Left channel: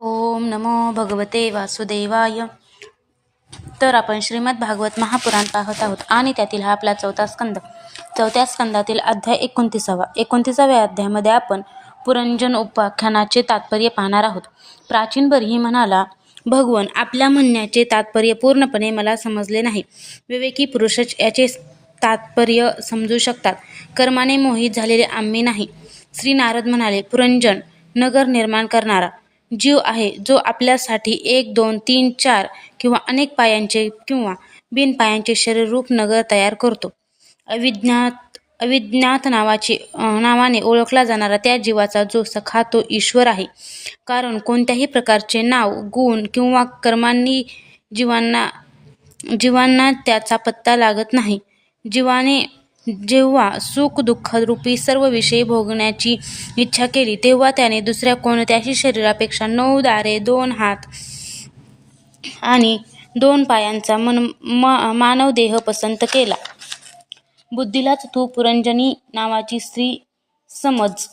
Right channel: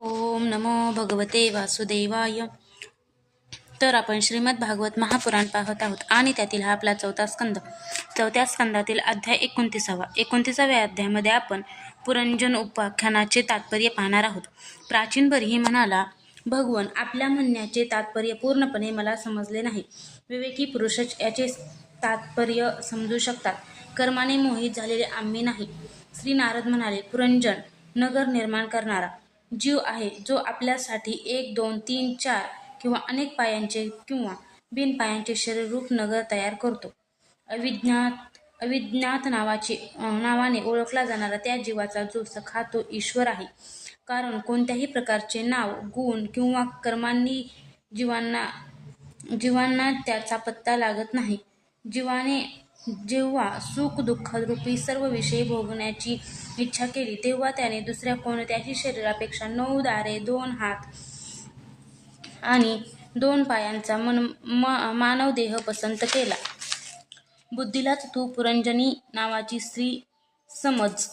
ओम नमो भगवते वासुदेवाय. तर आपण श्रीमद भागवत महापुराण पाहत आहोत. आणि त्यातील हा आपला चौथा स्कंद. चौथ्या स्कंदातील अध्याय एकोणतीसावा. एकोणतीसाव्या अध्यायामध्ये आपण पुरंजन उपाख्यानाचे तात्पर्य पाहणार आहोत. प्राचीन बरही म्हणाला भगवन आपल्या म्हणण्याचे तात्पर्य पूर्णपणे मला समजले नाही. विवेकी पुरुषच याचे तात्पर्य समजू शकतात. कर्माने मोहित झालेले आम्ही नाही. श्री नारद म्हणाले पुरंजन नगर निर्माण करणारा. जीव आहे जो आपल्यासाठी एक दोन तीन चार किंवा अनेक पायांचे किंवा बिनपायांचे शरीररूप नगर तयार करतो. अविज्ञात अविज्ञात नावाची नावाने ओळखला जाणारा त्या जीवाचा जो सखा तो ईश्वर आहे. कारण कोणत्याही प्रकारचे नाव गुण किंवा कर्मांनी जीवांना जीवांना त्याचा पत्ता लागत नाही. जीवाने जेव्हा सुख दुःख रूपी सर्व विषय भोगण्याची इच्छा केली तेव्हा त्याने दुसऱ्या कोणत्याही शरीरापेक्षा नऊ दारे दोन हात आणि दोन पायांचा मन म मानव देह पसंत केला. बुद्धीलाच तू पुरंजनी नावाची स्त्री समज.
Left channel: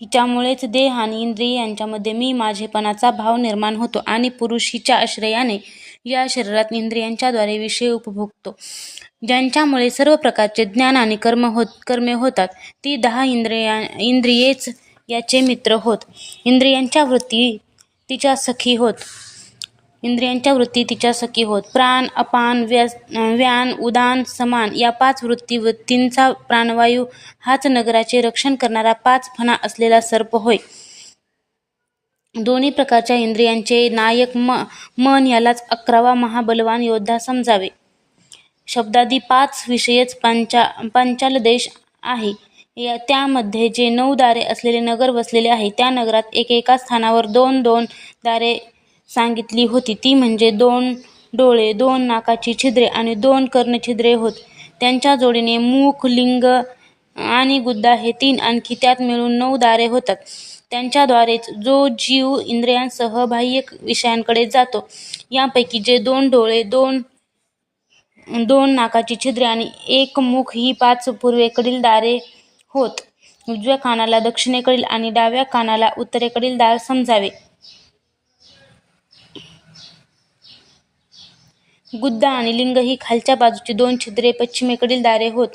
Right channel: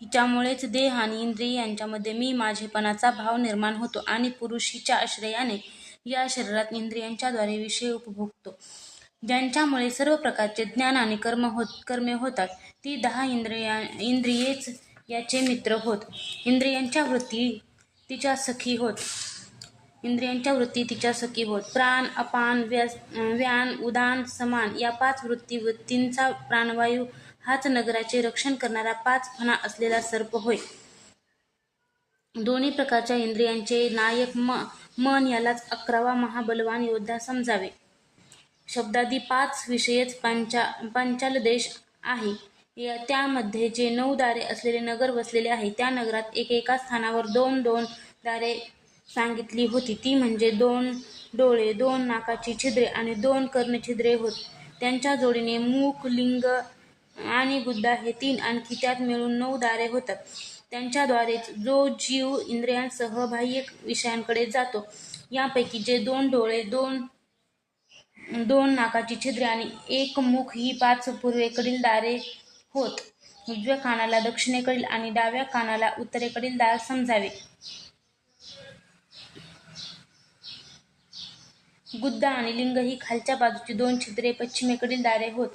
हिच्यामुळेच देह आणि इंद्रिय यांच्यामध्ये मी माझेपणाचा भाव निर्माण होतो आणि पुरुष हिच्या आश्रयाने या शरीरात इंद्रियांच्याद्वारे विषय उपभोगतो. ज्यांच्यामुळे सर्व प्रकारचे ज्ञान आणि कर्म होत कर्मे होतात ती दहा इंद्रिया इंद्रियेच याचे मित्र होत. इंद्रियांच्या वृत्ती तिच्या सखी होत. इंद्रियांच्या वृत्ती तिच्या सखी होत. प्राण अपान व्यस व्यान उदान समान या पाच वृत्ती वृत्तींचा प्राणवायू हाच नगराचे रक्षण करणारा पाच फणा असलेला सर्प होय. दोन्ही प्रकारच्या इंद्रियांचे नायक म मन यालाच अकरावा महाबलवान योद्धा समजावे. शब्दादी पाच विषयच पंचा पंचाल देश आहे. या त्यामध्ये जे नऊ दारे असलेले नगर वसलेले आहे त्या नगरात एकेका स्थानावर दोन दोन दारे सांगितली होती. ती म्हणजे दोन डोळे दोन नाकाची छिद्रे आणि दोन कर्णछिद्रे होत. त्यांच्या जोडीने मुख लिंग आणि गुद्दा हे तीन आणखी त्यात मिळून नऊ दारे होतात. त्यांच्याद्वारेच जो जीव इंद्रियांसह बाह्य विषयांकडे जातो यापैकी जे दोन डोळे दोन दोन नाकाची छिद्रे आणि एक मुख ही पाच पूर्वेकडील दारे होत. उजव्या कानाला दक्षिणेकडील आणि डाव्या कानाला उत्तरेकडील दार समजावे. गुद्दा आणि लिंग ही खालच्या बाजूची दोन छिद्रे पश्चिमेकडील दारे होत.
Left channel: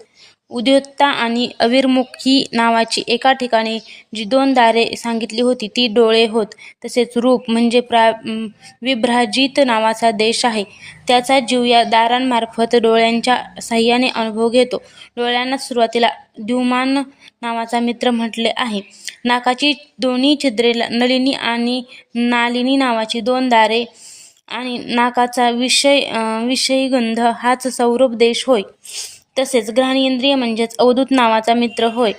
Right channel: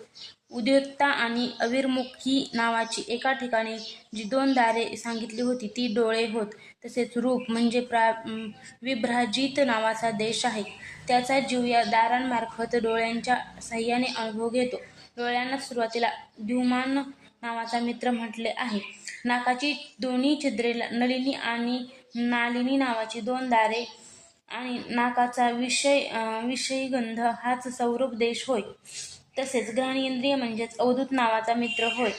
उद्योत्ता आणि अविर्मुख ही नावाची एका ठिकाणी जी दोन दारे सांगितली होती ती डोळे होत. तसेच रूप म्हणजे प्रा विभ्राजित नावाचा देश आहे. त्याचा जीव या दारांमार्फत डोळ्यांच्या साह्याने अनुभव घेतो. डोळ्यांना सुरुवातीला द्युमान नावाचा मित्र म्हटले आहे. नाकाची दोन्ही छिद्रे नलिनी आणि नालिनी नावाची दोन दारे आणि नाकाचा विषय विषयी गंध हाच सौरभ देश होय. तसेच घ्राणेंद्रिय म्हणजेच अवधूत नावाचा मित्र होय.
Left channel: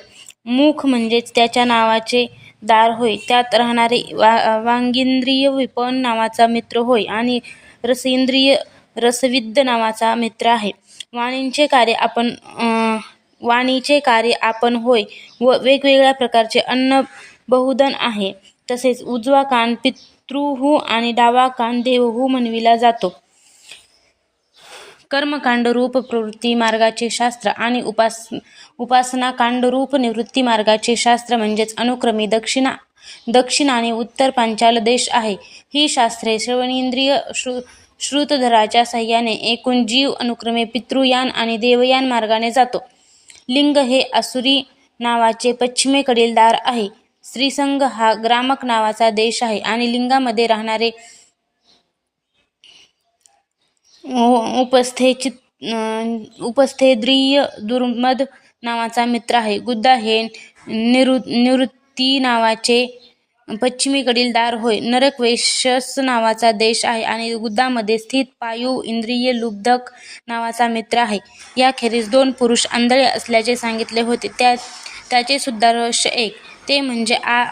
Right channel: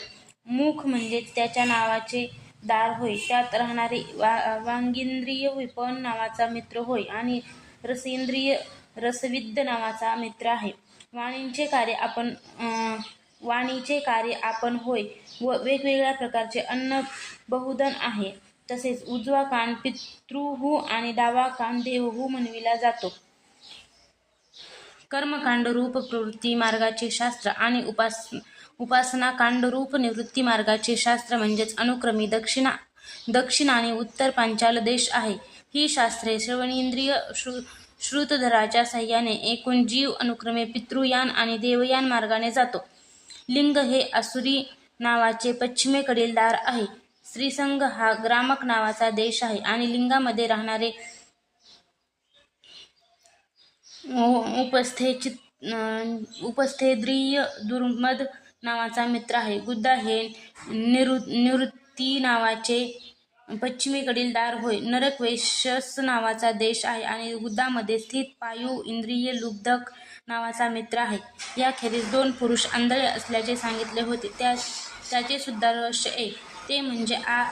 मुख म्हणजेच त्याच्या नावाचे दार होय. त्यात राहणारे वा वांगिंद्रिय विपण नावाचा मित्र होय आणि रसेंद्रिय रसविद्ध नावाचा मित्र आहे. वाणींचे कार्य आपण वाणीचे कार्य आपण होय व वेगवेगळ्या प्रकारचे अन्न बहुधन आहे. तसेच उजवा कान पितृहू आणि डावा कान देवहू म्हणविला जातो. कर्मकांड रूप प्रवृत्ती मार्गाचे शास्त्र आणि उपास उपासना कांड रूप निवृत्ती मार्गाचे शास्त्र म्हणजेच अनुक्रमी दक्षिणा दक्षिण आणि उत्तर पांचाल देश आहे. ही शास्त्रे श्रवणेंद्रिय श्रु श्रुतधराच्या सहाय्याने एकूण जीव अनुक्रमे पितृयान आणि देवयान मार्गाने जातो. लिंग हे असुरी नावाचे पश्चिमेकडील दार आहे. श्रीसंग हा ग्रामक नावाचा देश आहे आणि लिंगामध्ये राहणारे उपस्थे चित उपस्थेद्रिय दुर्मद नावाचा मित्र आहे. गुद्दा हे निरु निवृत्ती नावाचे पश्चिमेकडील दार होय. नरक नावाचा देश आहे आणि गुद्दामध्ये स्थित पायू इंद्रिय लुब्धक नावाचा मित्र आहे. याखेरीज दोन पुरुष आंधळे असल्याचे सांगितले होते. त्या त्याचे सुद्धा रहस्य एक. ते म्हणजे आ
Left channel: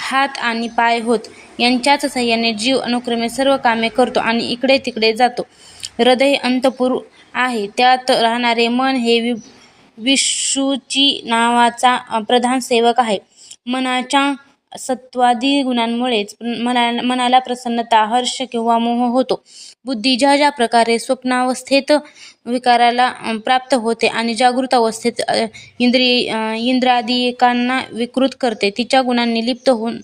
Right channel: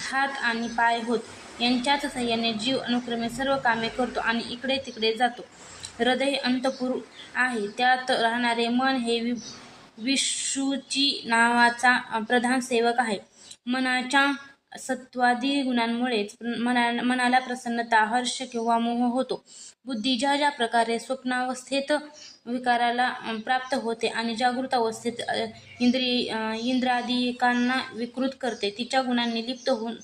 हात आणि पाय होत. यांच्याच सहाय्याने जीव अनुक्रमे सर्व कामे करतो आणि इकडे तिकडे जातो. हृदय अंतपुर आहे. त्यात राहणारे मन हे वि विशुची नावाचा प्रधान सेवक आहे. मनाच्या सत्वादी गुणांमुळेच मना मनाला प्रसन्नता हर्ष किंवा मोह होतो. बुद्धी ज्या ज्या प्रकारे स्वप्नावस्थेत विकाराला प्राप्त होते आणि जागृत अवस्थेत इंद्रिय अ, इंद्रादिकांना विकृत करते तिच्या गुणांनी लिप्त होऊन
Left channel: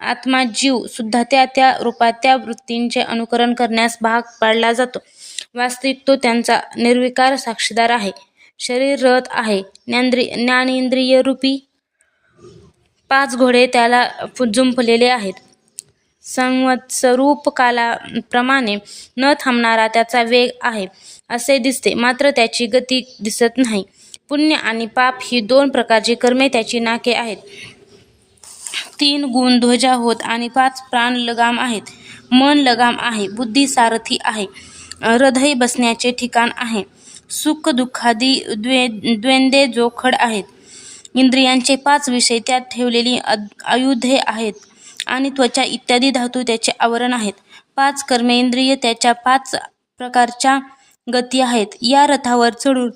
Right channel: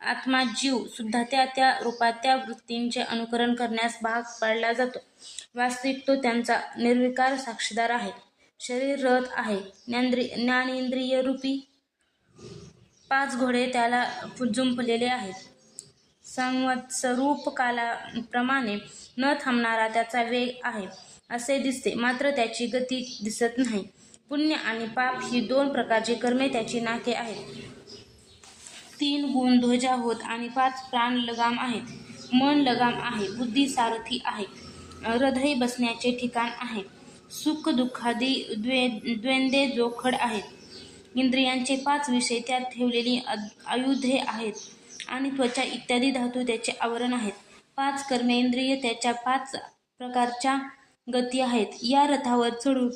आत्मा जीव सुद्धा त्या त्या रूपात त्या वृत्तींचे अनुकरण करण्यास भाग पाडला जातो. वास्तविक तो त्यांचा निर्विकार साक्षीदार आहे. शरीर रथ आहे. ज्ञानेंद्रिय ज्ञानेंद्रिय रूपी पाच घोडे त्याला जुंपलेले आहेत. संवत्सरूप कालाप्रमाणे न थांबणारा त्याचा वेग आहे असे दिसते. मात्र त्याची गती दिसत नाही. पुण्य आणि पाप ही दोन प्रकारची कर्मे त्याची नाके आहेत. तीन गुण ध्वजा होत आणि पाच प्राण लगाम आहेत. मन लगाम आहे. बुद्धी सारथी आहे. हृदय बसण्याचे ठिकाण आहे. सुख दुःखादी द्वे द्वेंदे जोखड आहेत. इंद्रियांचे पाच विषय त्यात ठेवलेली आयुधे आहेत आणि त्वचा इत्यादी धातू त्याचे आवरण आहेत. पाच कर्मेंद्रिय त्याच्या पाच प्रकारच्या गती आहेत. या रथावर चढून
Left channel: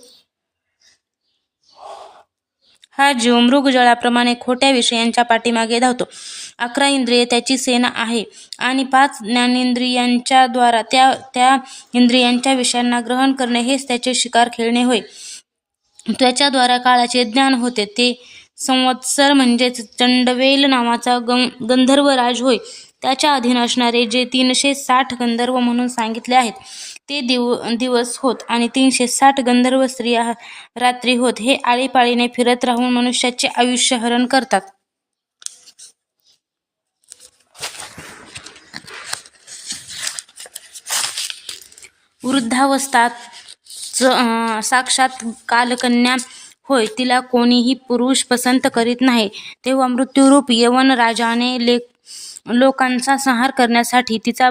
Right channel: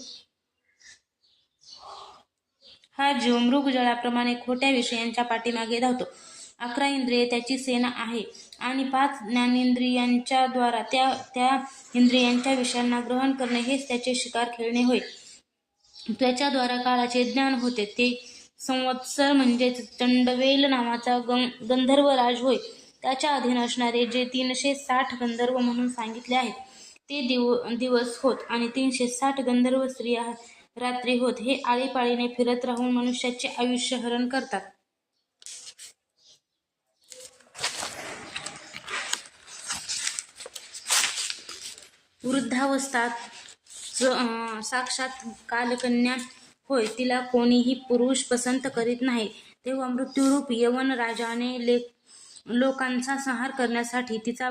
हा जीव मृगजळाप्रमाणे खोट्या विषयांच्या पाठीमागे धावतो. अकरा इंद्रिये त्याची सेना आहे. आणि पाच ज्ञानेंद्रियांच्याद्वारा त्या त्या इंद्रियांच्या विषयांना ग्रहण करणे हेच त्याचे शिकार खेळणे होय. त्याच्याद्वारा काळाचे ज्ञान होते. ते संवत्सर म्हणजेच चंडवेल नावाचा गं गंधर्व राज होय. त्याच्या अधीन असणारे जे तीनशे साठ गंधर्व म्हणून सांगितले आहेत ते दिव दिवस होत आणि तीनशे साठ गंधर्व स्त्रिया रात्री होत. हे आळीपाळीने फिरत राहून मनुष्याचे आयुष्य हरण करतात. वृद्धावस्थात साक्षात कालकन्या होय तिला कोणीही पुरुष पसंत करीत नाही. तेव्हा मृत्यूरूप यवन राजाने ले लोकांचा संहार करण्यासाठी तिचा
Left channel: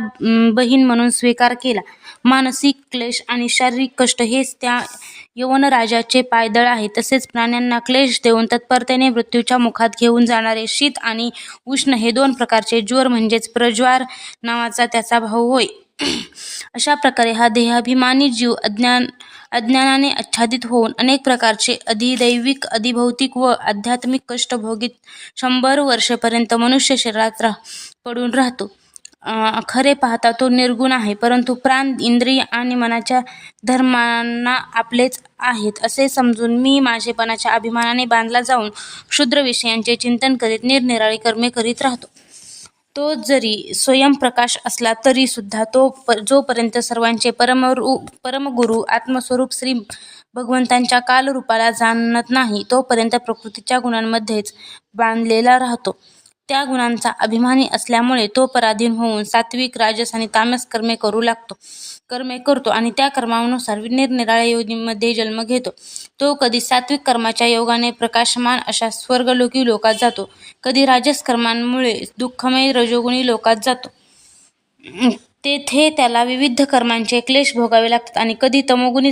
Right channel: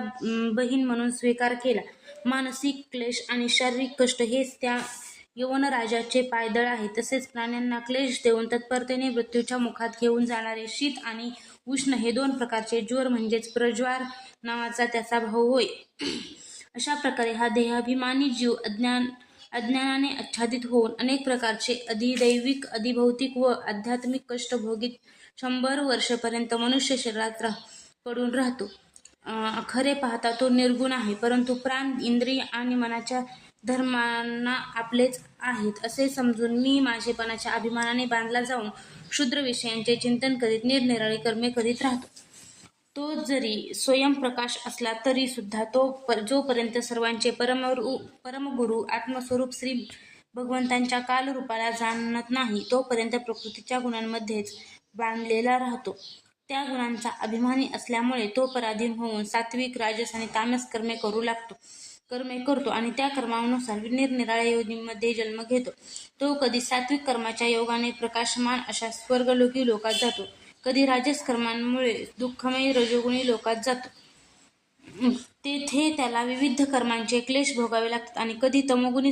बहीण म्हणून स्वीकार केला. मानसिक क्लेश आणि शारीरिक कष्ट हेच त्या यवन राजाचे पायदळ आहे. तसेच प्राण्यांना क्लेश देऊन तत्परतेने मृत्यूच्या मुखात घेऊन जाणारे शीत आणि उष्ण हे दोन प्रकारचे ज्वर म्हणजेच प्रज्वार नावाचा त्याचा भाऊ होय. अशा प्रकारे हा देहाभिमानी जीव अज्ञान अज्ञानाने आच्छादित होऊन अनेक प्रकारचे अधिदैविक अधिभौतिक व आध्यात्मिक कष्ट भोगीत शंभर वर्षेपर्यंत मनुष्य शरीरात राह पडून राहतो. खरे पाहता तो निर्गुण आहे परंतु प्राण इंद्रिय आणि मनाच्या धर्मांना आपलेच आहेत असे समजून मी माझेपणाच्या अभिमानाने बांधला जाऊन क्षुद्र विषयांचे चिंतन करीत निरनिराळी कर्मे करीत राहतो. तो जरी स्वयंप्रकाश असला तरी सुद्धा तो प जोपर्यंत सर्वांचे परमरू परमगुरु आत्मस्वरूप श्री भगवंतांच्या कालरूपाला जाणत नाही तोपर्यंत प्रकृतीच्या गुणांमध्येच बांधलेला राहतो. त्या गुणांचा अभिमानी असल्यामुळे तो पराधीन होऊन सात्विक राजस आणि तामस कर्मे करू लागतो. कर्मे करतो आणि त्या कर्मानुसार निरनिराळ्या योनीमध्ये जन्म घेतो. तो कधी सात्विक कर्माच्या योगाने प्रकाशमान अशा स्वर्गलोकी लोकात जातो. कधी राजस कर्मांमुळे दुःखमय रजोगुणी लोकात जातो. तेथे त्याला विविध कर्मांचे क्लेश भोगावे लागतात आणि कधी तमोगुणी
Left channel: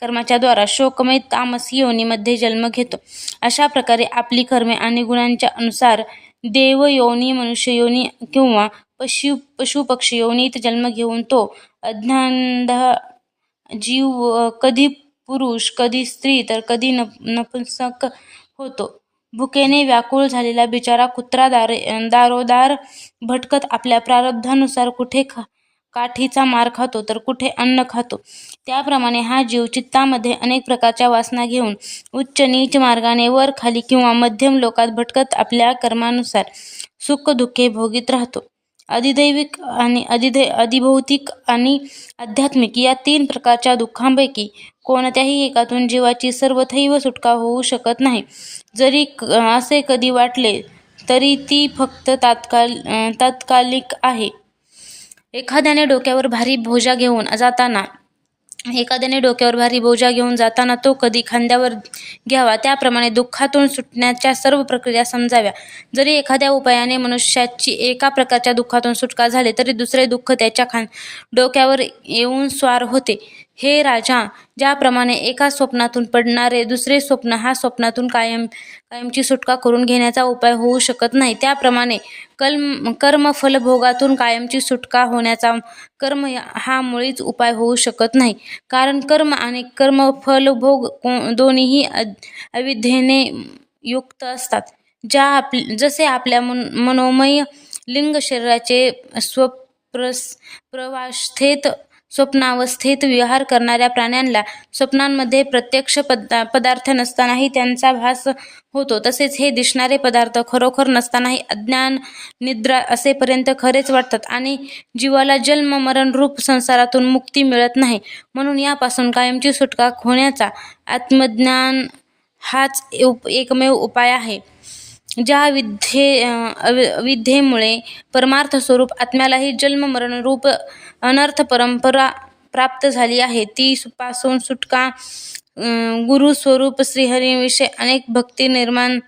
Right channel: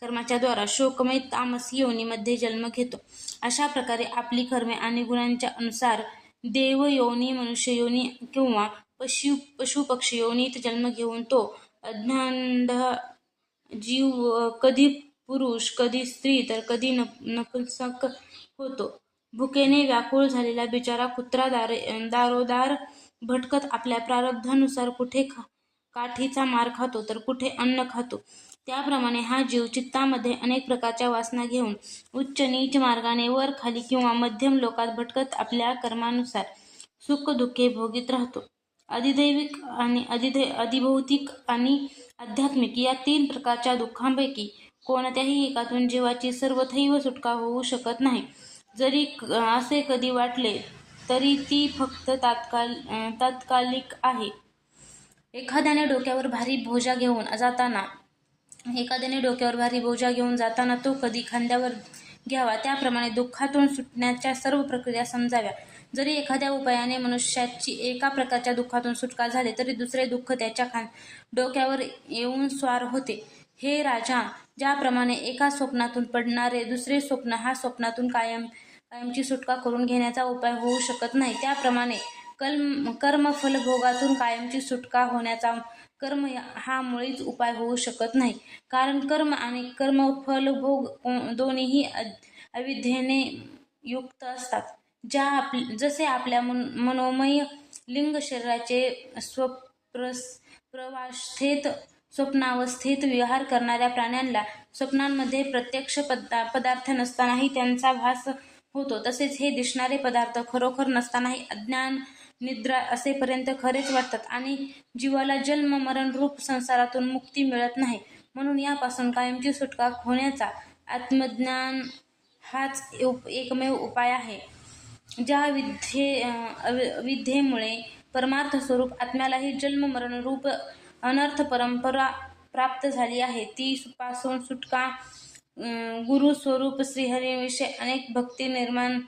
कर्माच्या द्वारा शोकमय तामसी योनीमध्ये जन्म घेतो. अशा प्रकारे आपली कर्मे आणि गुणांच्या अनुसार देव योनी मनुष्य योनी किंवा पशु पशु पक्षी योनीत जन्म घेऊन तो अज्ञानध जीव कधी पुरुष कधी स्त्री तर कधी नप नपुंसक होतो. भुकेने व्याकुळ झालेला बिचारा कुत्रा दारे दारोदार भटकत आपल्या प्रारब्धानुसार कुठे खा काठीचा मार खातो तर कुठे अन्न खातो. त्याप्रमाणे हा जीव चित्तामध्ये अनेक प्रकारच्या वासना घेऊन उच्च नीच मार्गाने वर खाली किंवा मध्यम लोकात भटकत आपल्या कर्मानुसार सुख दुःखे भोगीत राहतो. अधिदैविक आणि अधिदै अधिभौतिक आणि आध्यात्मिक या तीन प्रकारच्या दुःखांपैकी कोणत्याही एकातून जीवाची सर्वथैव सुटका होऊ शकत नाही. जरी क- असे कधी वाटले तरी ती फक्त तात्काल तात्कालिक आहे. एखाद्याने डोक्यावर भारी बोजा घेऊन जाताना एखाद्याने डोक्यावर भारी बोजा घेऊन जाताना तो कधी खांद्यावर घ्यावा त्याप्रमाणे दुःखातून सुटण्याच्या सर्व प्रक्रिया समजाव्या. जरी एखाद्या उपायाने मनुष्याची एका प्रकारच्या दुःखातून सुटका झाली तरी दुसरे दुःख त्याच्या खां डोक्यावर येऊन स्वार होते. हे राजा ज्याप्रमाणे एका स्वप्नातून पडणारे दुसरे स्वप्न हा स्वप्नातून कायम कायमची सुटका करून घेण्याचा उपाय होऊ शकत नाही त्याप्रमाणे कल्म कर्मफलभोगातून कायमची सुटका होण्याचा कर्म हा मुळीच उपाय होऊ शकत नाही. कारण कर्म आणि कर्मफलभोग को- दोन्हीही अविद्येने युक्त असतात. ज्या आप जसे आपल्या मन मनोमय लिंग शरीराचे स्वप्रस प्रवास्थेत स्वप्नावस्थेत विहार करणाऱ्या प्राण्यांना स्वप्नांमध्ये प्रत्यक्ष पदा पदार्थ नसतानाही त्यांचा भास होतो. तसेच हे दिसणारे पदार्थ खरोखर नसतानाही अज्ञान निद्रा असेपर्यंत खरेच वाटतात आणि जीवाला जन्म मरण रूप संसारातून मुक्ती मिळत नाही. म्हणून यापासून कायमची सुटका होण्याचा आत्मज्ञान हाच उप एकमेव उपाय आहे. ज्या विद्ये विद्येमुळे परमार्थ स्वरूप आत्म्यालाही जन्म मरण रूप अनर्थ परंपरा प्राप्त झाली आहे. ती पासून सुटका गुरु स्वरूप श्रीहरीविषयी अनेक भक्ती निर्माण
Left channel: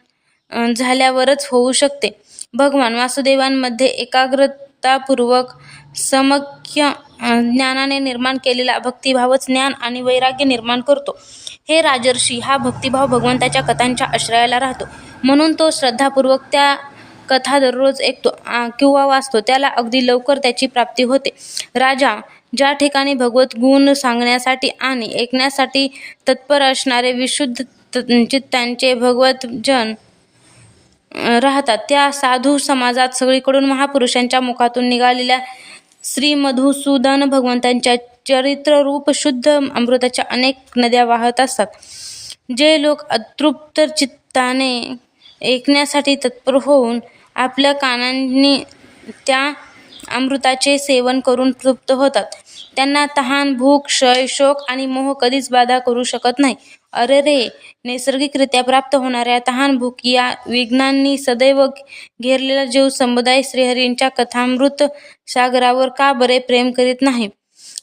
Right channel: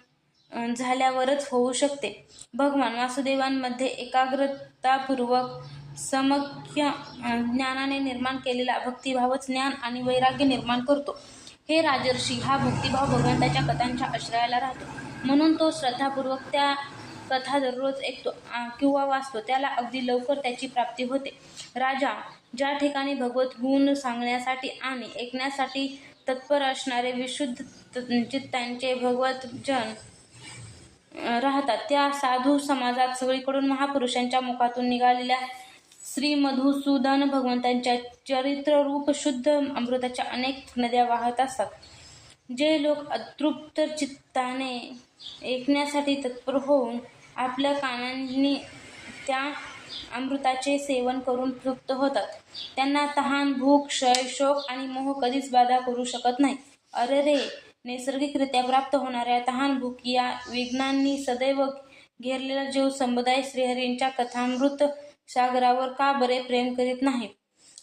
झाल्यावरच होऊ शकते. भगवान वासुदेवांमध्ये एकाग्रतापूर्वक समख्य ज्ञानाने निर्माण केलेला भक्तिभावच ज्ञान आणि वैराग्य निर्माण करतो. हे राजर्षी हा भक्तिभाव भगवंताच्या कथांच्या आश्रयाला राहतो. म्हणून तो श्रद्धापूर्वक त्या कथा दररोज ऐकतो किंवा वाचतो त्याला अगदी लवकर त्याची प्राप्ती होते. राजा ज्या ठिकाणी भगवत गुण सांगण्यासाठी आणि ऐकण्यासाठी तत्पर असणारे विशुद्ध चित्तांचे भगवतजन राहतात त्या साधू समाजात सगळीकडून महापुरुषांच्या मुखातून निघालेल्या श्री मधुसूदन भगवंतांच्या चरित्ररूप शुद्ध अमृताच्या अनेक नद्या वाहत असतात. जे लोक अतृप्त चित्ताने ऐकण्यासाठी तत्पर होऊन आपल्या कानांनी त्या अमृताचे सेवन करून तृप्त होतात. त्यांना तहान भूक क्षय शोक आणि मोह कधीच बाधा करू शकत नाही. अरे रे नैसर्गिकरित्या प्राप्त होणाऱ्या तहान भूक या विघ्नांनी सदैव घेरलेला जीव समुदाय श्रीहरींच्या कथामृत सागरावर का बरे प्रेम करीत नाही?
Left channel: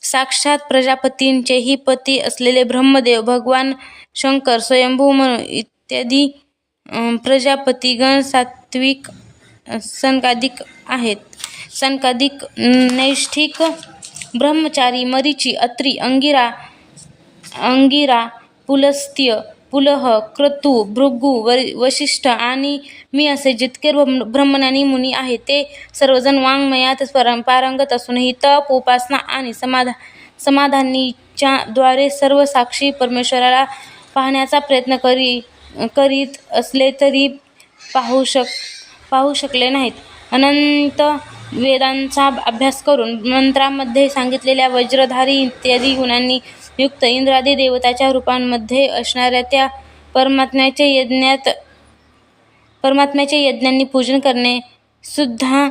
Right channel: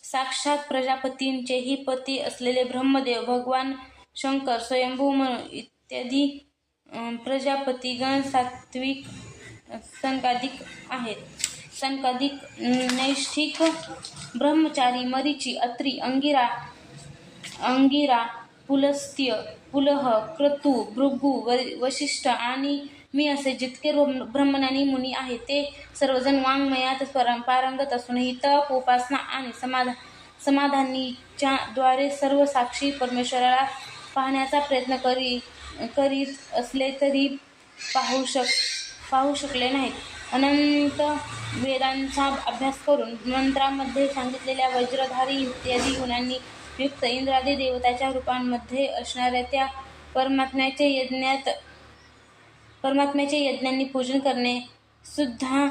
साक्षात प्रजापतींचेही पती असलेले ब्रह्मदेव भगवान शंकर स्वयंभू म्हणून इत्यादी प्रजापतीगण सात्विक सनकादिक आहेत. सनकादिक नैष्ठिक ब्रह्मचारी मरीची अत्री अंगिरा अंगिरा पुलस्त्य पुलह क्रतू भृगू व वशिष्ठ आणि मी असे जितके ब्रह्म ब्रह्मज्ञानी मुनी आहेत ते सर्वजण वाङ्मयात परं पारंगत असूनही तप उपासना आणि समाधा समाधानीच्या द्वारे सर्व साक्षी परमेश्वराला पाहण्याचा प्रयत्न करी करीत असले तरी पाहू शक पाहू शकले नाहीत. अनंत वेदांचा अभ्यास करून मंत्रामध्ये सांगितलेल्या वज्रधारी इत्यादी गुणांनी युक्त इंद्रादी देवताच्या रूपांमध्ये असणाऱ्या त्या परमात्म्याचे यज्ञात परमात्म्याचे यज्ञांनी पूजन करणे सुद्धा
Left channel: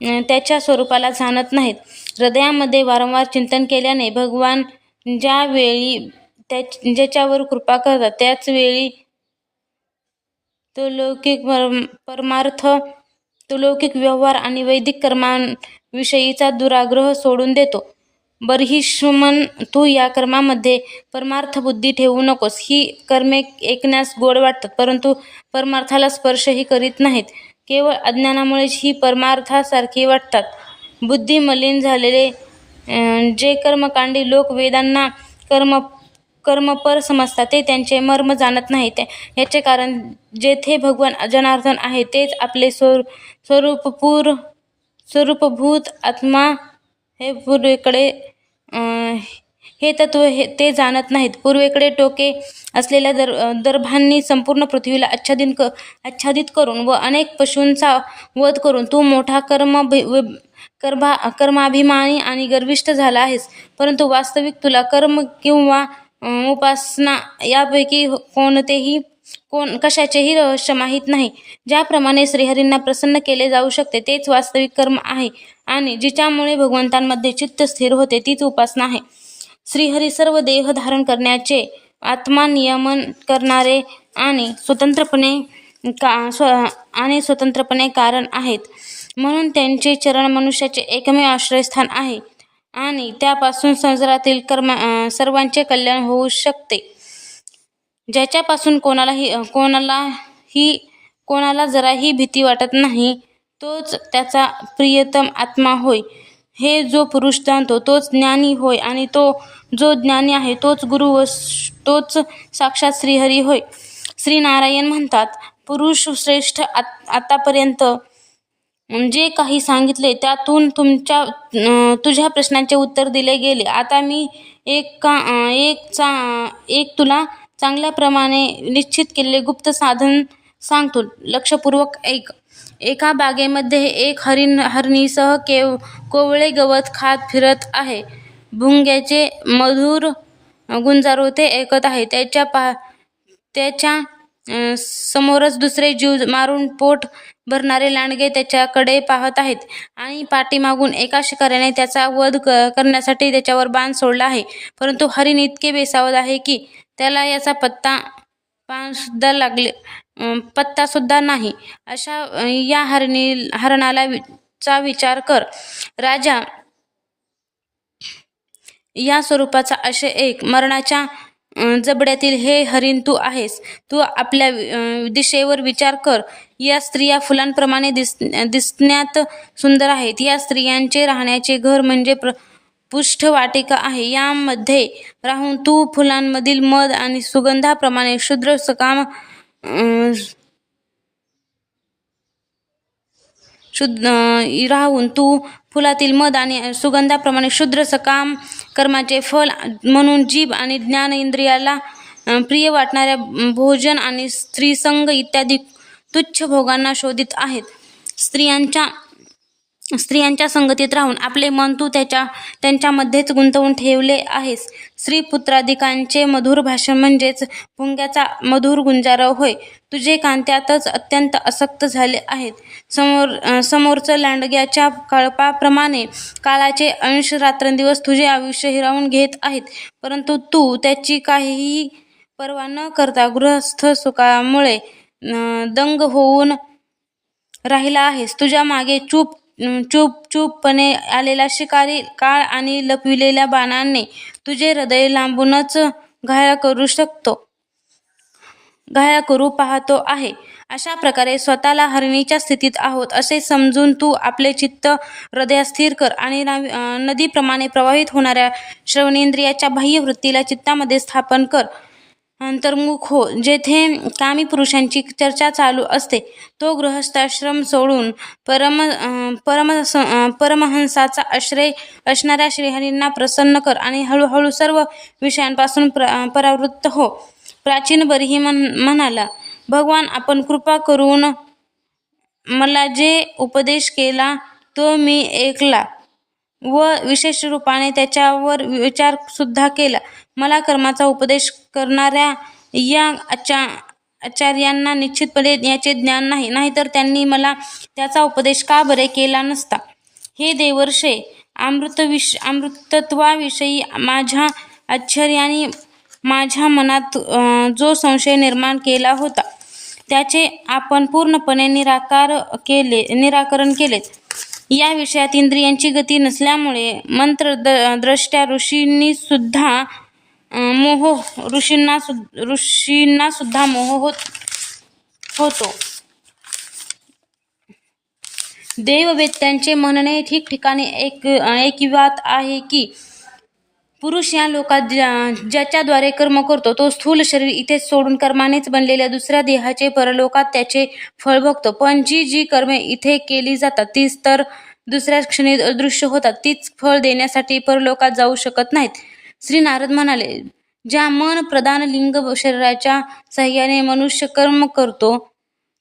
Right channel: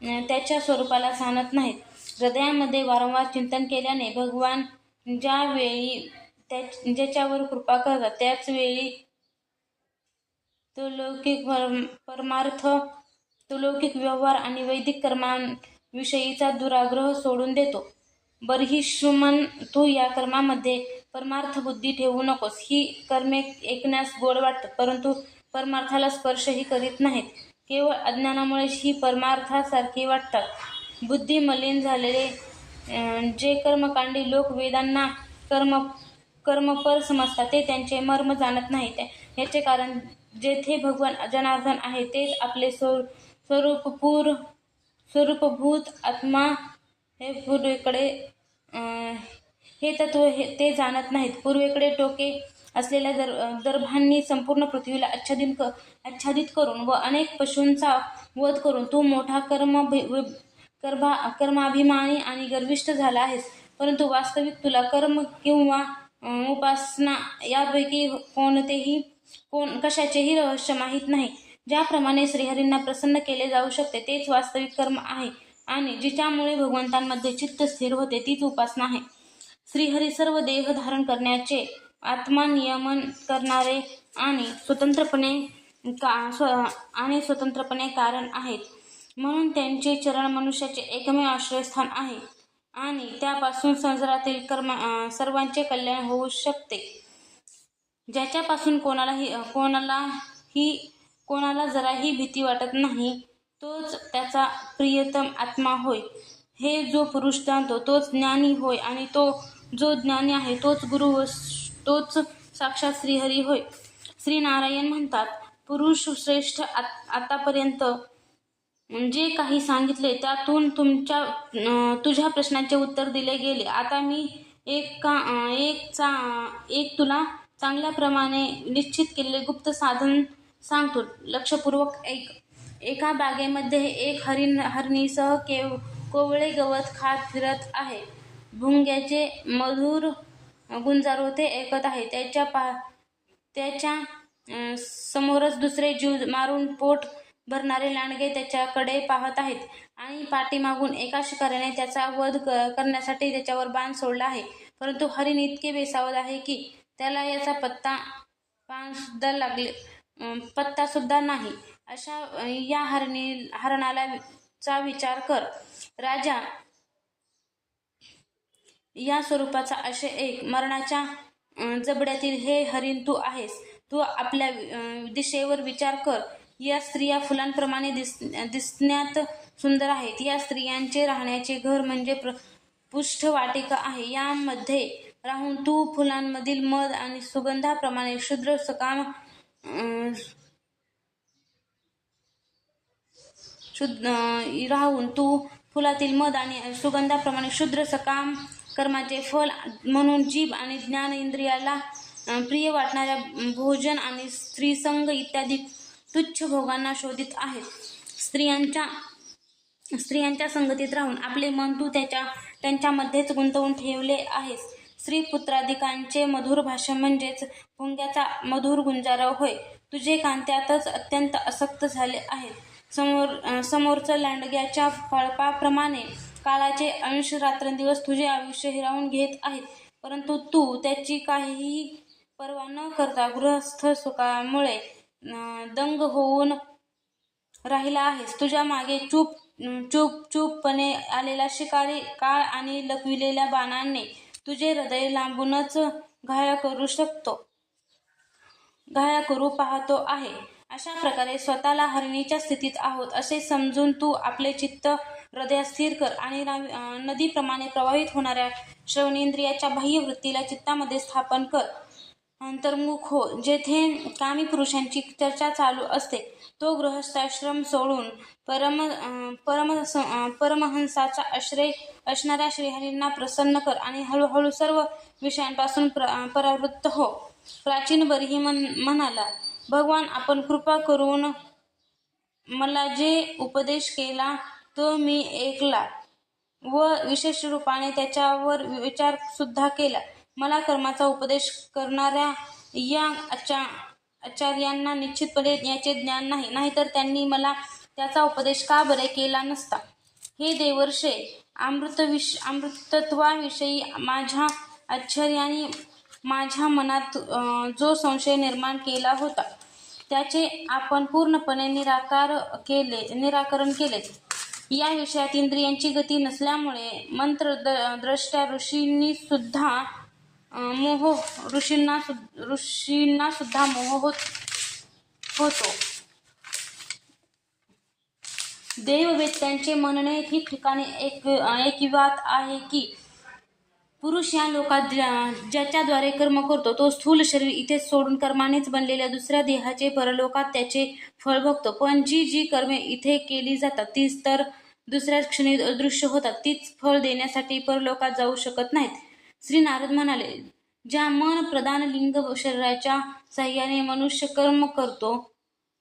त्याच्या स्वरूपाला जाणत नाहीत. हृदयामध्ये वारंवार चिंतन केल्याने भगवान ज्यावेळी त्या ज्याच्यावर कृपा करतात त्याच वेळी तो लौकिक परमार्थ तो लौकिक व्यवहार आणि वैदिक कर्मांविषयीचा दुराग्रह सोडून देतो. बर्हिष्मन तू या कर्मामध्ये परमार्थ बुद्धी ठेवू नकोस. ही कर्मे ऐकण्यास गोड वाटतात परंतु परमार्थाला स्पर्शही करीत नाहीत. केवळ अज्ञानामुळेच ही परमार्थासारखी वाटतात. बुद्धी मलिन झालेले जे कर्मकांडी लोक वेदांना कर्म कर्मपर समजतात ते त्यांचे मर्म जाणत नाही याचे कारण जेथे भगवान जनार्दन आहे तेच आपले स्वर स्वरूपपूर स्वरूपभूत आत्मा हे पूर्वेकडे हे तत्व हे ते जाणत नाहीत. पूर्वेकडे टोके असलेल्या दर दर्भांनी संपूर्ण पृथ्वीला आच्छादित क आच्छादित करून व अनेक पशूंचा वध करून तू मोठा कर्म भि- कर्मा कर्माभिमानी आणि गर्विष्ठ झाला आहेस. परंतु वास्तविक तुला कर्म किंवा उपासना यापैकी कोणतेही कोण कशाचेही रहस्य माहीत नाही. ज्याप्रमाणे श्रीहरींना प्रसन्न केले जाऊ शकते तेच वास्तविक कर्म आहे. आणि जिच्यामुळे भगवंतांमध्ये चित्त स्थिर होते तीच उपासना आहे. श्रीहरी सर्व देह धारण करण्याचे आत्मा नियमन करणारे आणि स्वतंत्रपणे का स्व आणि स्वतंत्रपणे कारण आहेत. म्हणून त्यांचे चरण मनुष्याचे एकमेव आश्रयस्थान आहे. आणि त्यापासून संसारातील कर्म सर्वांचे कल्याण होऊ शकते. ज्याच्यापासून कोणालाही कोणालाही कोणाला जराही भीती वाटत नाही तोच त्याचा प्रियतम आत्मा होय. हे जो पुरुष जाणतो तोच ज्ञानी होय आणि तो जो ज्ञानी आहे तोच गुरु व तोच साक्षात श्रीहरी होय. श्री नारायण म्हणतात पुरुष श्रेष्ठ आत आतापर्यंत जे काही सांगितले त्यातून तुमच्या तुझ्या प्रश्नांचे उत्तर दिले गेले. आता मी एक का एक चा एक तुला चांगल्याप्रमाणे निश्चित केलेले गुप्त साधन सांगतो. लक्षपूर्वक ऐक. एका बागेमध्ये एक हरिण हरणीसह केव कोवळे गवत खात फिरत आहे. भुंग्याचे मधुर गुंजारो ते ऐकत आहे. त्याच्या पा त्याच्या समोरच दुसरे जीव मारून पोट भरणारे लांडगे त्याच्याकडे पाहत आहेत आणि पाठीमागून एका शिकाऱ्याने त्याचा वध क- करण्यासाठी त्याच्यावर बाण सोडला आहे. परंतु हरिण इतके बेसावत आहे की त्याला याचा पत्ता पानसुद्धा लागले पत्तासुद्धा नाही. अशा या हरणी हरणाला वि- चा विचार कर. राजा या स्वरूपाचा असे एक मरणाच्या जबड्यातील हे हरिण तू आहेस. तू आपल्या दिशेवर विचार कर. या स्त्रिया फुलांप्रमाणे दिस दिसण्यात सुंदर आहेत. या स्त्रियांचे राहण्याचे घर म्हणजे प्र पुष्ठवाटिका आहे. यामध्ये राहून तू फुलांमधील मध आणि सुगंधाप्रमाणे शुद्र सकाम शुद्ध राहून तू फुलातील मध आणि सुगंधाप्रमाणे शुद्र सकाम कर्माचे फल म्हणून जीभ आणि ज्ञान इंद्रियाला प्रिय वाटणाऱ्या भोजन आणि स्त्रीसंग इत्यादी तुच्छ भोगांना शोधित आहेत. स्त्रियांच्या स्त्रियांच्या संगतीत राहून आपले मन तू त्याच्या त्यांच्यामध्येच गुंतवून ठेवले आहेस. स्त्री पुत्राधिकांचे मधुर भाषण म्हणजेच भुंग्याचा मधुर गुंजारव होय. तुझे कांत्यातच अत्यंत आसक्त झाले आहेत. समोर समोरचं लांडग्याच्या कळपाप्रमाणे काळाचे अंश रात्रंदिवस तुझे आयुष्य हिरावून घेत आहेत. परंतु तू त्याची काहीही पर्वा न करता गृहस्थ सुखामुळे दंग होऊन राहिला आहेस. तुझ्या मागे चूप चूप चूपपणे आलेला शिकारी काळ आणि लपविलेल्या बाणांनी तुझे हृदय लांबूनच घाया करू शकतो घाया करू पाहतो आहे. अशा प्रकारे स्वतःला हरणीच्या स्थितीत आहोत असे समजून तू आपले चित्त हृदय स्थिर कर आणि नावी- नदीप्रमाणे प्रवाहित होणाऱ्या श्रवणेंद्रियाच्या बाह्य वृत्तीला चित्तामध्ये स्थापन कर. अंतर्मुख हो जेथे कामी पुरुषांची चर्चा चालू असते तो गृहस्थाश्रम सोडून परम परम परमहंसाचा आश्रय असणाऱ्या श्रीहरींना प्रसन्न कर आणि हळूहळू सर्व विषयांपासून प्र परावृत्त हो. प्राचीन बरीही मन म्हणाला भगवान आपण कृपा करून मला जे उपदेश केला तो मी ऐकला व विशेष रूपाने त्याच्यावर विचारसुद्धा केला. मला कर्माचा उपदेश करणाऱ्या या आचा आचार्यांना निश्चितपणे याचे ज्ञान नाही. नाहीतर त्यांनी मला त्याचा उपदेश का बरे केला नसता? हे देवर्षे अमृत विष अमृतत्वाविषयी माझ्या आश्चर्याने माझ्या मनात जो संशय निर्माण केला होता त्याचे आपण पूर्णपणे निराकार केले निराकरण केले या विषयात इंद्रियांची गती नसल्यामुळे मंत्र द द्रष्ट्या ऋषींनी सुद्धा मोह ऋषींना सुद ऋषींना सुद्धा मोह होत होतो. देववेत्यांचे म्हणणे ठिकठिकाणी एक ऐकिवात आहे की पुरुष या लोकात ज्या- ज्याच्याद्वारे कर्म करतो तो स्थूल शरीर इथेच सोडून कर्मानेच बनलेल्या दुसऱ्या देहाचे परलोकात त्याचे फळ भोगतो. पण जी जी कर्मे इथे केली जातात तीच तर दुसऱ्या क्षणी अदृश्य होतात. तीच फळ देण्यासाठी परलोकात जाऊ शकत नाहीत. श्री नारद म्हणाले ज्या मन प्रधान लिंग शरीराच्या सहाय्याने मनुष्य कर्म करतो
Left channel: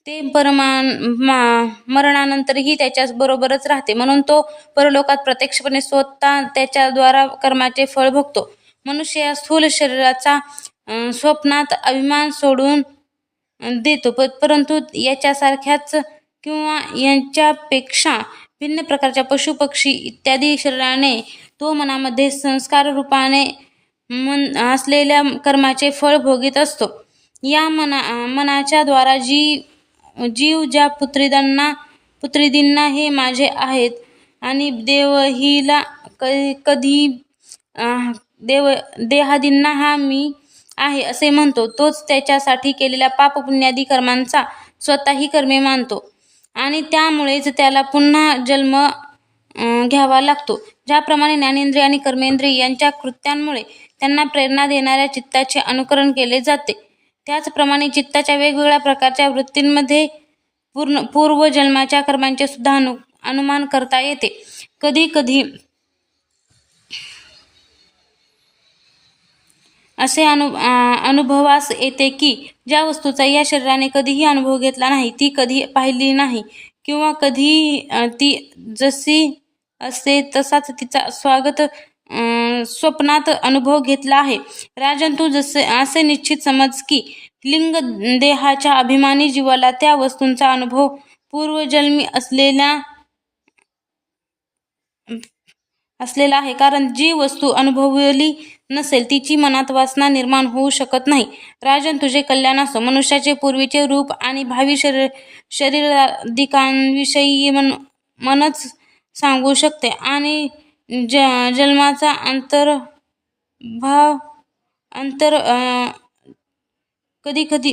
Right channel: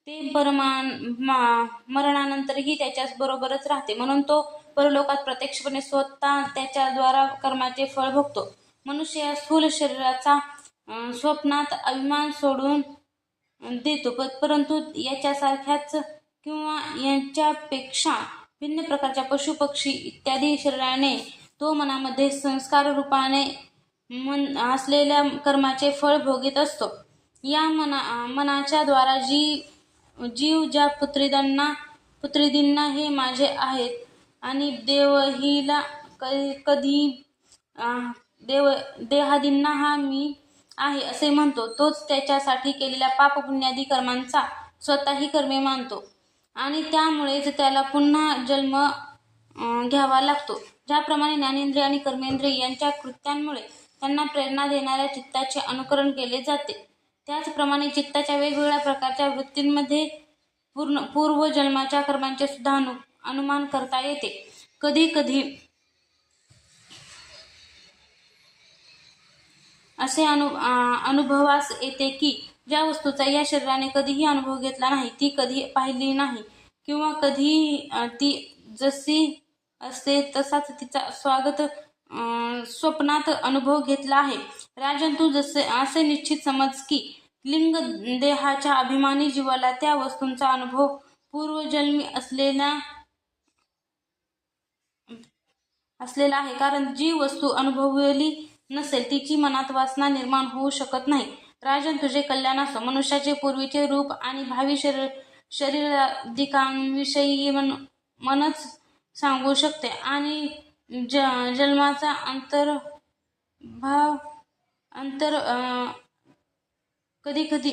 ते परमान मा- मरणानंतरही त्याच्या बरोबरच राहते. म्हणून तो परलोकात प्रत्यक्षपणे स्वतः त्याच्याद्वारा कर्माचे फळ भोगतो. मनुष्य या स्थूल शरीराचा स्वप्नात अभिमान सोडून देतो. प परंतु याच्यासारख्याच किंवा यांच्यापेक्षा भिन्न प्रकारच्या पशुपक्षी इत्यादी शरीराने तो मनामध्ये संस्कार रूपाने मन असलेल्या कर्माचे फळ भोगीत असतो. या मना मनाच्या द्वारा जी जीव ज्या पुत्रीदांना पुत्रीदींना हे माझे आहेत आणि देवहीला क कधी देव देहादींना हा मी आहे असे म्हणतो. तोच त्याच्यासाठी केलेल्या पापपुण्यादी कर्मांचा स्वतःही कर्मे मानतो. आणि त्यामुळेच त्याला पुन्हा जन्म घ्यावा लागतो. ज्याप्रमाणे ज्ञानेंद्रिय आणि कर्मेंद्रिय यांच्या कृत्यांमुळे त्यांना प्रेरणा देणाऱ्या चित्ताचे अनुकरण केले जाते. त्याचप्रमाणे चित्ताच्या वेगवेगळ्या प्रकारच्या वृत्तींमध्ये पूर्ण पूर्वजन्माच्या कर्मांचे सुद्धा अनु अनुमान करता येते. कधी कधी असे अनु अनुभवास येते की ज्या वस्तूचा या शरीराने कधीही अनुभव घेतला नाही ती कधी पाहिली नाही किंवा कधी ती जशी असते तसाच तिचा स्वागत स्वप्नात अनुभव घेतला आहे. राजन तू जसे असे निश्चित समज की लिंग देहाच्या अभिमानी जीवाला त्या वस्तूंचा अनुभव पूर्वजन्मी असलेल्या असलेला आहे. कारण जी वस्तू अनुभवली नसेल तिची मनात वासना निर्माण होऊ शकत नाही. राजन तुझे कल्याण असो मनुष्याचे पूर्वीचे रूप आणि भावी शरीर शरीराधिकांविषयी मन मनच सांगू शकते. आणि ज जन्माचा अंतर्भाव अंतर कधी कधी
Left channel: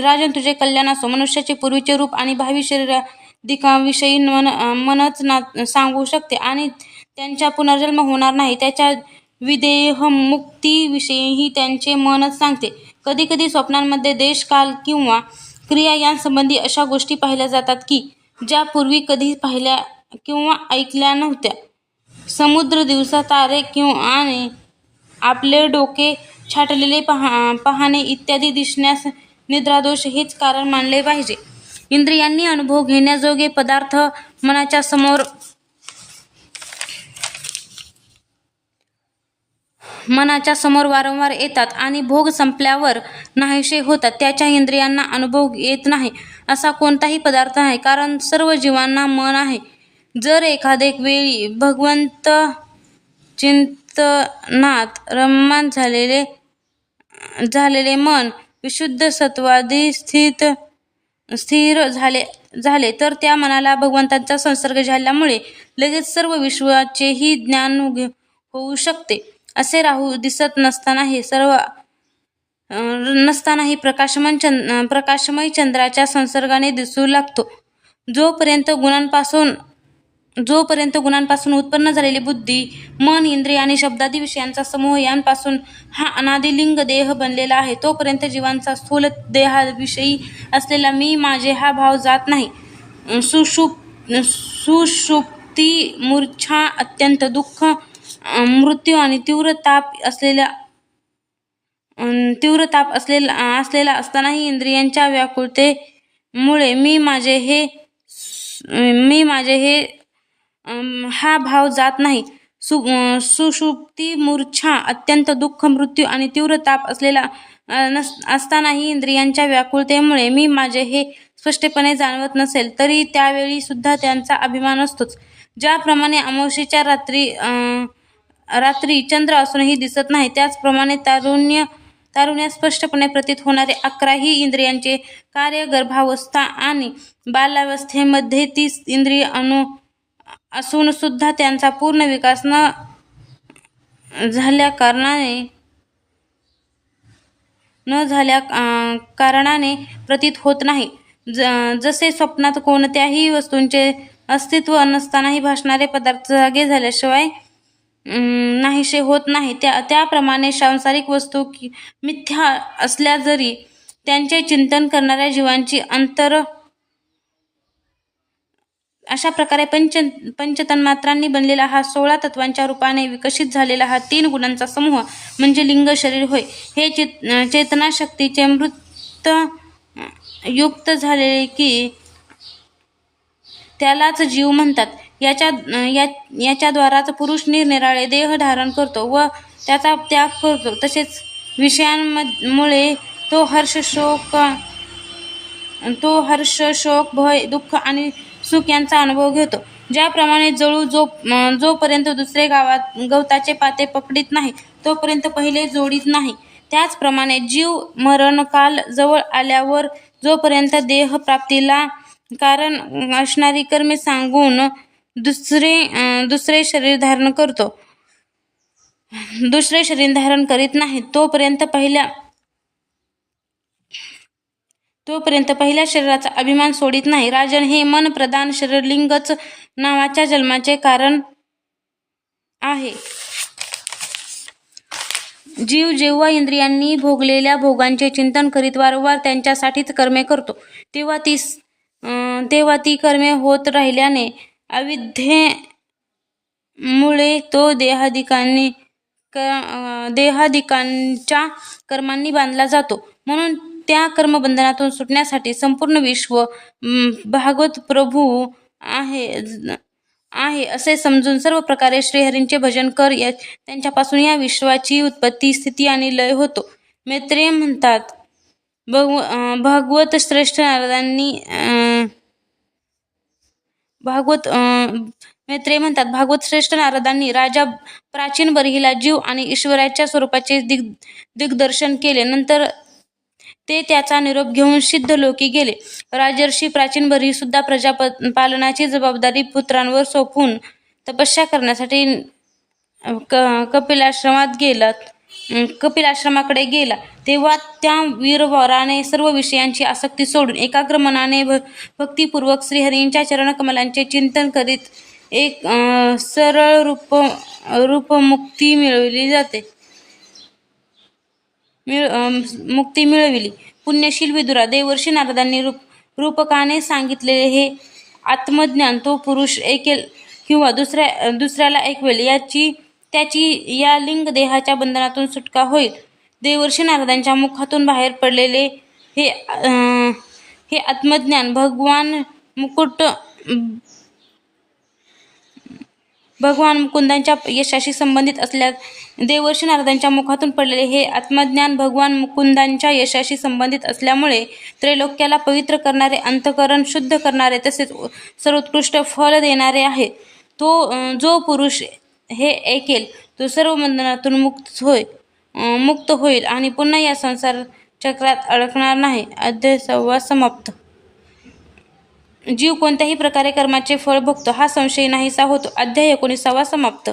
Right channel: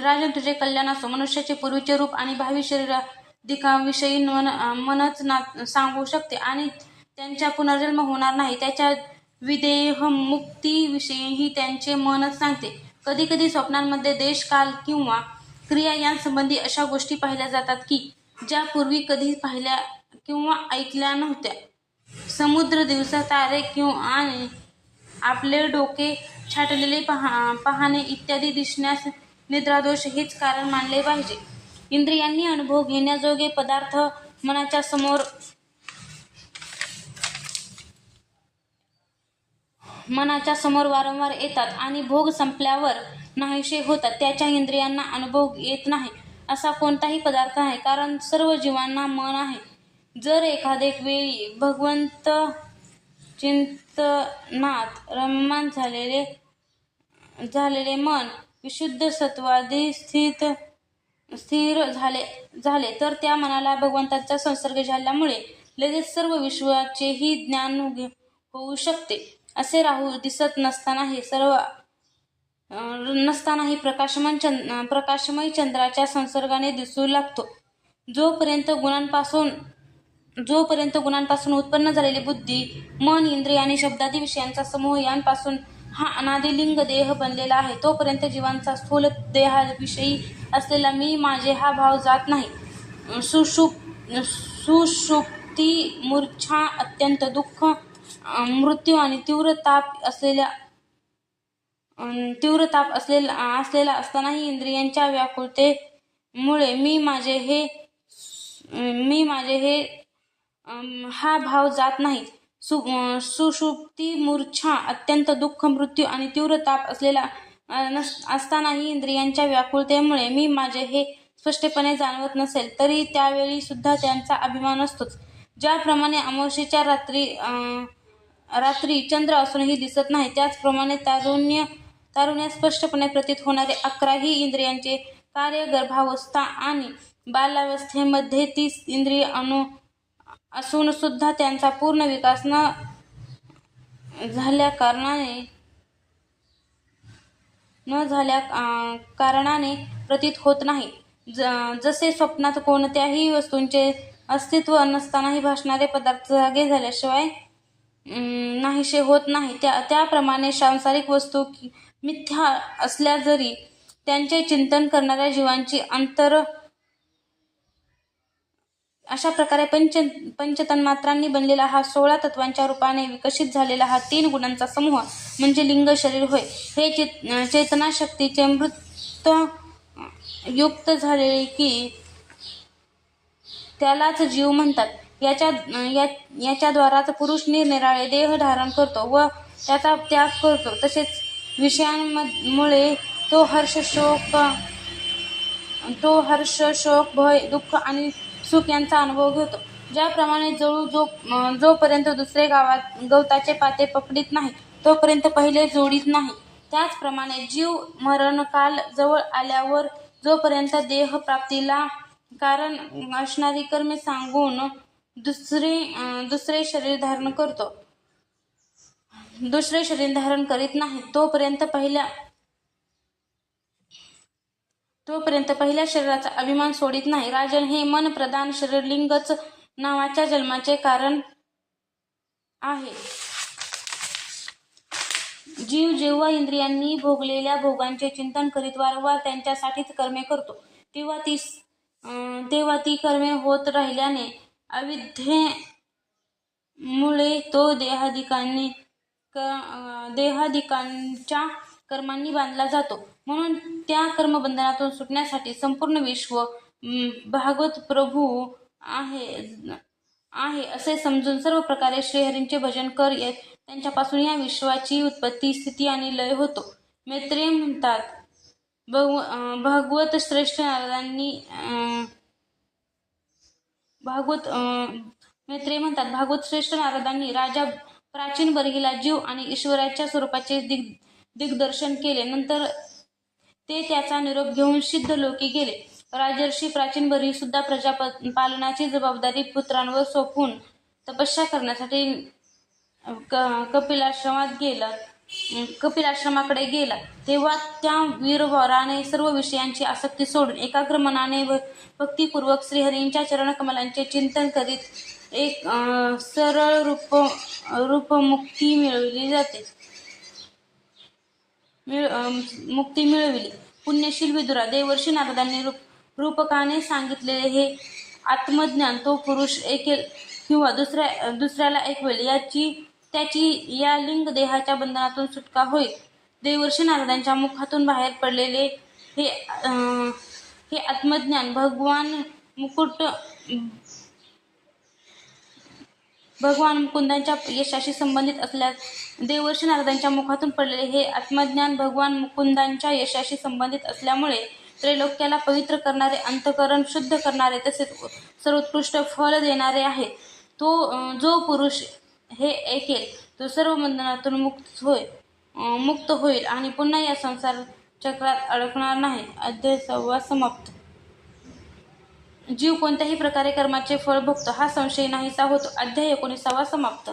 राजन तुझे कल्याण असो मनुष्याचे पूर्वीचे रूप आणि भावी शरीराधिकांविषयी मन मनच ना सांगू शकते आणि त्यांचा पुनर्जन्म होणार नाही. त्याच्या विदेह मुक्तीविषयीही त्यांचे मनच सांगते. कधी कधी स्वप्नांमध्ये देश काल किंवा क्रिया यांसंबंधी अशा गोष्टी पाहिल्या जातात की ज्या पूर्वी कधी पाहिल्या किंवा ऐकल्या नव्हत्या. समुद्र दिवसा तारे किंवा आणि आपले डोके छाटलेले पहा पाहणे इत्यादी दिसण्यास निद्रादोष हेच कारण मानले पाहिजे. इंद्रियांनी अनुभव घेण्याजोगे पदार्थ मनाच्या समोर मनाच्या समोर वारंवार येतात आणि भोग संपल्यावर नाहीसे होतात. त्याच्या इंद्रियांना अनुभव येत नाही. असा कोणताही पदार्थ नाही कारण सर्व जीवांना मन आहे. जर एखादे वेळी भगवंत चिंतनात रममान झालेले झालेले मन विशुद्ध सत्वादी स्थित स्थिर झाले झाले तर त्या मनाला भगवंतांचा संसर्ग झाल्यामुळे लगेच सर्व विश्वाचेही ज्ञान होऊ शकते. असे राहू दिसत नसतानाही सर्व नसतानाही प्रकाशमय चंद प्रकाशमय चंद्राच्या संसर्गाने दिसू लागतो. जोपर्यंत गुणांपासून जोपर्यंत गुणांपासून उत्पन्न झालेली बुद्धी मन इंद्रिय आणि शब्दादी विषयांचा समूह यांपासून हा अनादिलिंग देह बनलेला आहे तोपर्यंत जीवांचा स्थूल देहाविषयी असलेला मी माझे हा भाव जात नाही. सुषुप सुषुप्ती मूर्छा अत्यंत दुःख मृत्यू आणि तीव्र ताप असलेल्या तीव्र ताप असलेला असलेला असतानाही इंद्रियांच्या व्याकुळतेमुळे मी माझे हे मी माझे हे हा भाव जात नाही. सु सुषुप्ती मूर्छा अत्यंत दुःख मृत्यू आणि तीव्र ताप असलेला नस असतानाही इंद्रियांच्या व्याकुळतेमुळे मी माझे हे स्पष्टपणे जाणवत नसेल तरी त्यावेळी सुद्धा त्यांचा अभिमान असतोच. ज्याप्रमाणे अमावशीच्या रात्री रात्री चंद्र असूनही दिसत नाही त्याचप्रमाणे तारुण्य तारुण्या स्पष्टपणे प्रतीत होणारे अकराही इंद्रियांचे कार्य गर्भावस्था आणि बाल्यावस्थेमध्ये तीस इंद्रिय अनु असूनसुद्धा त्यांचा पूर्ण विकास न झाल्या कारणाने न झाल्या कारणाने प्रतीत होत नाही. ज जसे स्वप्नात कोणत्याही वस्तूंचे अस्तित्व नसतानाही भासणारे पदार्थ जागे झाल्याशिवाय नाहीसे होत नाही. त्या त्याप्रमाणे सांसारिक वस्तू मिथ्या असल्या जरी त्यांचे चिंतन करणाऱ्या जीवांची अंतर अशा प्रकारे पंच पंचतन्मात्रांनी बनलेला हा सोळा तत्वांच्या रूपाने विकसित झालेला हा तीन गुणांचा समूह म्हणजे लिंग शरीर होय. हे चेत चेतनाशक्तीचे मृत युक्त झाले की त्यालाच जीव म्हणतात. याच्या या याच्याद्वाराच पुरुष निरनिराळे देह धारण करतो व त्याचा त्याग करतो. तसेच विषयांमुळे तो हर्ष शोक तो हर्ष शोक भय दुःख आणि सुख यांचा अनुभव घेतो. ज्याप्रमाणे जळू जो जोपर्यंत दुसरे गावात गवताचे पाते पकडीत नाही तोपर्यंत पहिले जोडीत नाही. त्याचप्रमाणे जीव मरणकाल जवळ आल्यावर जोपर्यंत देह प्राप्तीला कारण असणारी कर्मे सांगून दुसरे दुसरे शरीर धारण करतो दुसरे शरीर धारण करीत नाही तोपर्यंत पहिल्या तोपर्यंत पहिल्या शरीराचा अभिमान सोडित नाही. राजन हे मन प्रदान शरीरलिंगच नावाच्या जन्माचे कारण आहे. जीव जेव्हा इंद्रियांनी भोगलेल्या भोगांचे चिंतन करीत वारंवार त्यांच्यासाठीच कर्मे करतो तेव्हा ती तेव्हा ती कर्मे होत राहिल्याने अविद्येमुळे तो देहाधिकांनी क देहाधिकांच्या कर्मांनी बांधला जातो. म्हणून त्या कर्मबंधनातून सुटण्यासाठी संपूर्ण विश्व भागवत प्रभू आहे आहे असे समजून सर्व प्रकारे श्रीहरींचे भजन कर. या त्यांच्यापासून या विश्वाची उत्पत्ती स्थिती आणि लय होतो. मैत्रेय म्हणतात भगव भागवत श्रेष्ठ नारदांनी भागवत मैत्रेय म्हणतात भागवत श्रेष्ठ नारदांनी राजा प्राचीन बरहिला जीव आणि ईश्वराच्या स्वरूपाचे दिग दिग्दर्शन केले. नंतर ते त्याचा निरोप घेऊन सिद्ध लोकी गेले. राजर्षी प्राचीन बरी सुद्धा प्रजा पालनाची जबाबदारी पुत्रांवर सोपून तपस्या करण्यासाठी क कपिलाश्रमात गेलात कपिलाश्रमाकडे गेला. तेव्हा त्या वीरवराने सर्व विषयांची आसक्ती सोडून एकाग्र मनाने भ भक्तिपूर्वक श्रीहरींच्या चरणकमलांचे चिंतन करीत एक सरळ रूप रूपमुक्ती मिळवली जाते. मिळ मुक्ती मिळविली. पुण्यशील विदुरा देवर्षी नारदांनी रूप रूपकाने सांगितलेले हे आत्मज्ञान तो पुरुष ऐकेल किंवा दुसऱ्या दुसऱ्याला ऐकवेल याची त्याची या लिंग देहाच्या बंधनातून सुटका होईल. देवर्षी नारदांच्या मुखातून बाहेर पडलेले हे अं, हे आत्मज्ञान भगवान मुकुट भगवान मुकुंदांच्या यशाशी संबंधित असल्या देवर्षी नारदांच्या मुखातून पडलेले हे आत्मज्ञान भगवान मुकुंदांच्या यशाशी संबंधित असल्यामुळे त्रैलोक्याला पवित्र करणारे अंतकरण शुद्ध करणारे तसेच सर्वोत्कृष्ट फळ देणारे आहे. तो जो पुरुष हे ऐकेल तो सर्व बंधनातून मुक्त होय मुक्त होईल आणि पुन्हा या संसार चक्रात अडकणार नाही. अध्याय सव्वा समाप्त. जीव कोणत्याही प्रकारे कर्माचे फळ भोगतो हा संशय नाहीसा होतो. अध्याय एकोणीसावा समाप्त.